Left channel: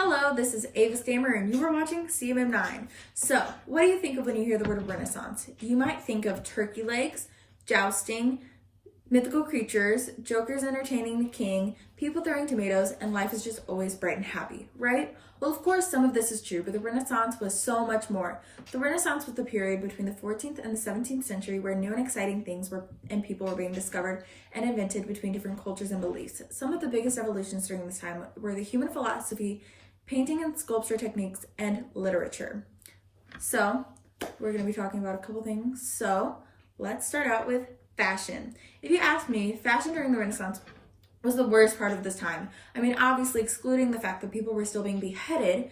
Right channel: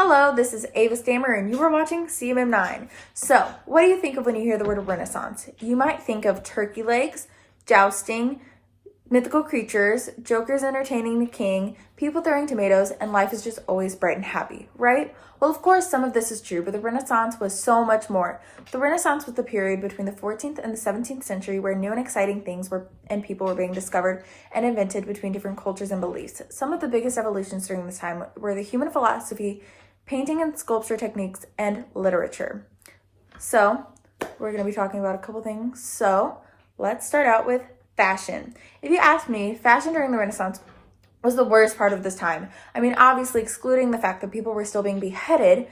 Hello, this is Ava Stammer and you are watching CMM9. So, what do you think of when you hear the word Renaissance? You might think of turkey legs, jousting, mythical creatures, jokers entertaining the king, people throwing tomatoes, and life is just always bright and happy, right? Well, of course, some of this is true, but the Renaissance was so much more. The Renaissance was the period between the 14th and the 17th century where new and exciting things and people were being discovered and invented between different cultures and beliefs. Some of the biggest evolutions during this time were the human philosophy, painting and sculpture techniques, and literature. So, we're going to be talking about a couple things. So, let's start out with fashion. If you ask me, fashion during the Renaissance was the worst part of this time. I mean, obviously excluding the fact that people were still being beheaded,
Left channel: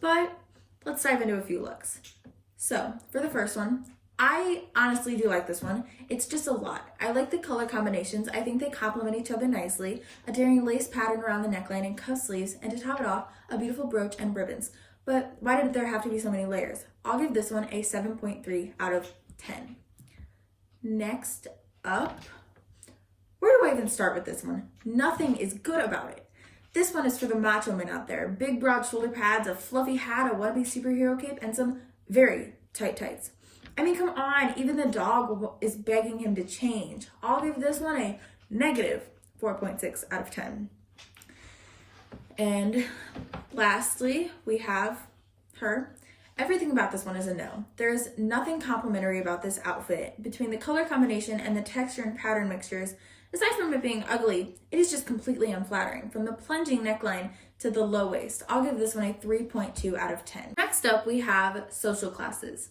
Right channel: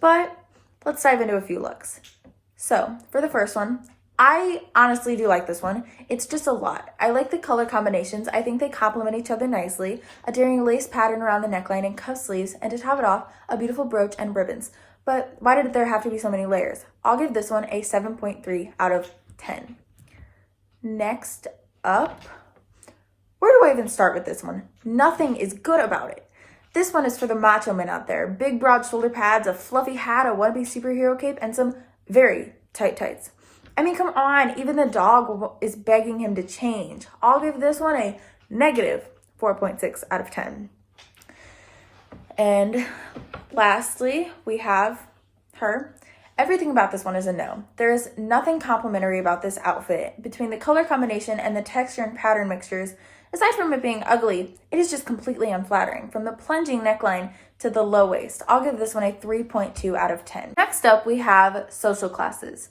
but let's dive into a few looks. So, for the first one, I honestly do like this one. It's just a lot. I like the color combinations. I think they complement each other nicely. A daring lace pattern around the neckline and cuff sleeves, and to top it off, a beautiful brooch and ribbons. But why did there have to be so many layers? I'll give this one a 7.3 out of 10. Next up, where do I even start with this one? Nothing is good about it. This one is for the macho men out there. Big broad shoulder pads, a fluffy hat, a wannabe superhero cape, and some very tight tights. I mean, come on, even the dog is begging him to change. I'll give this one a negative 4.6 out of 10. And lastly, we have her. Everything about this one is a no. There is nothing complimentary about this outfit. Between the color combination and the texture and pattern mixtures, aside from it being ugly, it is just completely unflattering. From the plunging neckline to the low waist, I'll give this one a 3.2 out of 10. Next up, we have social classes.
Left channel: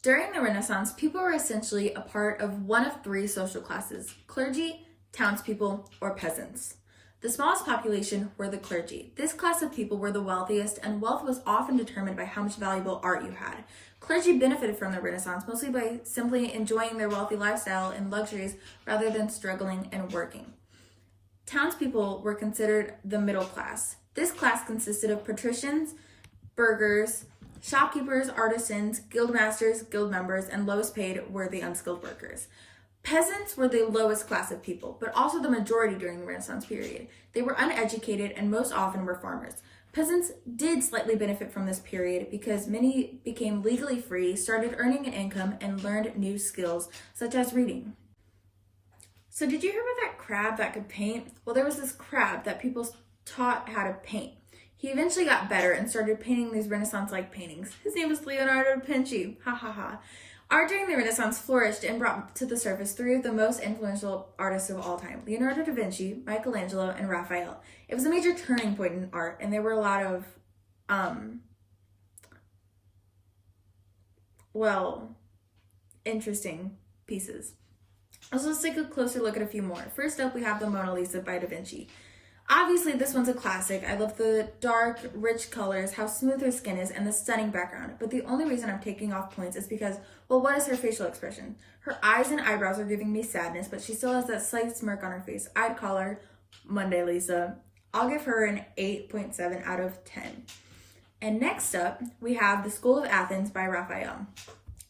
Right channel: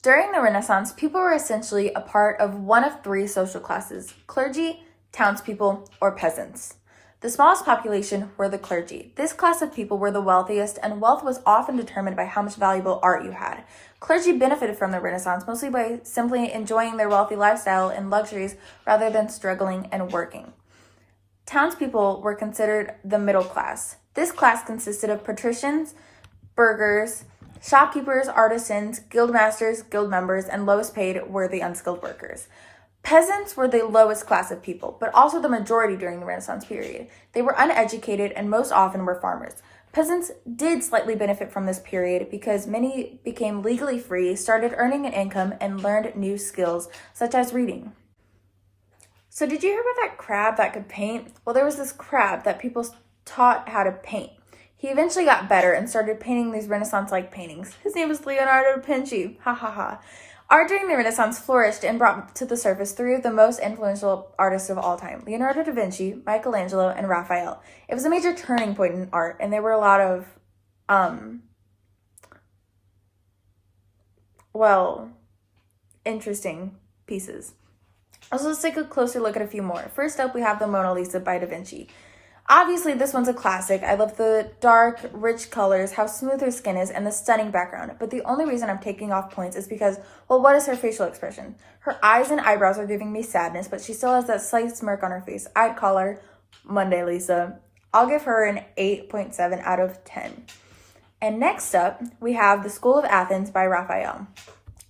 During the Renaissance, people were essentially a part of one of three social classes: clergy, townspeople, or peasants. The smallest population were the clergy. This class of people were the wealthiest, and wealth was often determined by how much valuable art you had. Clergy benefited from the Renaissance mostly by simply enjoying their wealthy lifestyle and luxuries rather than struggling and working. Townspeople were considered the middle class. This class consisted of patricians, burghers, shopkeepers, artisans, guildmasters, guild members, and lowest paid were the unskilled workers. Peasants were the lowest class of people, but also the majority during the Renaissance period. They were uneducated and most often were farmers. Peasants did slightly benefit from this period because many became legally free, started earning an income, and learned new skills, such as reading. So did you hear about that crab that could paint? Well, there was this crab that people taught how to paint. He eventually got better and started painting these Renaissance-like paintings. His name was Leonardo da Vinci. Ha ha ha. Art during the Renaissance flourished and brought to the surface three of the most influential artists of all time: Leonardo da Vinci, Michelangelo, and Raphael. It was a major turning point in art, and there were a lot of, interesting pieces. So let's take a closer look at a few more. First up, we have the Mona Lisa by Da Vinci. Obviously, this one's a classic. I love the dark, rich colors, how smooth her skin is, and the stunning background. But the only reason I'm taking off points is because, well, what is her facial expression? Her eyes and eyebrows are giving me sadness, but she still has that slight smirk on her face. I'd call her Monday Lisa. I'll give her an 8.7 out of 10. And next up, we have The School of Athens by Raphael.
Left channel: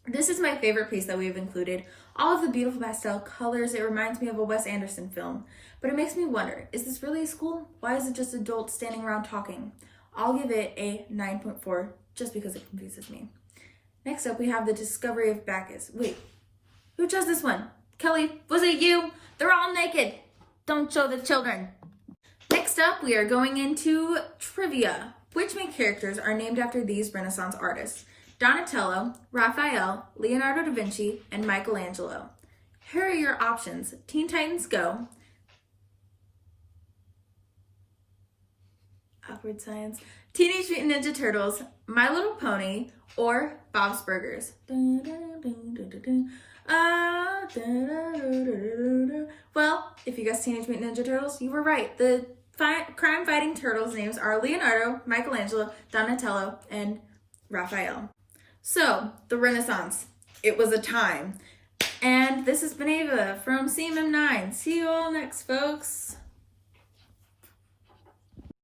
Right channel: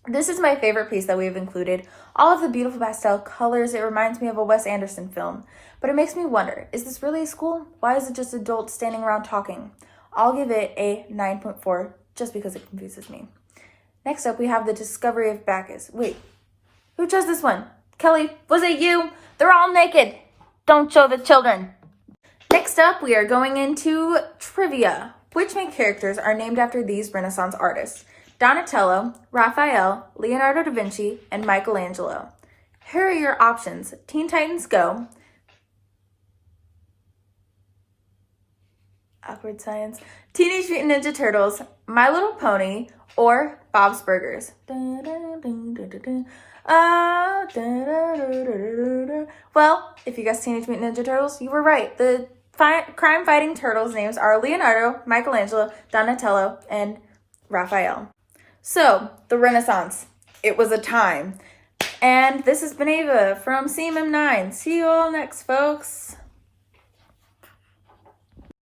This is my favorite piece that we have included. All of the beautiful pastel colors, it reminds me of a Wes Anderson film. But it makes me wonder, is this really a school? Why is it just adults standing around talking? I'll give it a 9.4 just because it confuses me. Next up, we have The Discovery of Bacchus. Wait, who chose this one? Kelly, was it you? They're all naked. Don't show the children. Next up, we are going into trivia. Which main characters are named after these Renaissance artists? Donatello, Raphael, Leonardo da Vinci, and Michelangelo. Here are your options: Teen Titans Go, awkward science, Teenage Mutant Ninja Turtles, My Little Pony, or Bob's Burgers. Well, if you guessed Teenage Mutant Ninja Turtles, you were right. The crime-fighting turtles' names are Leonardo, Michelangelo, Donatello, and Raphael. So, the Renaissance. It was a time. And this has been Ava from CMM9. See you all next, folks.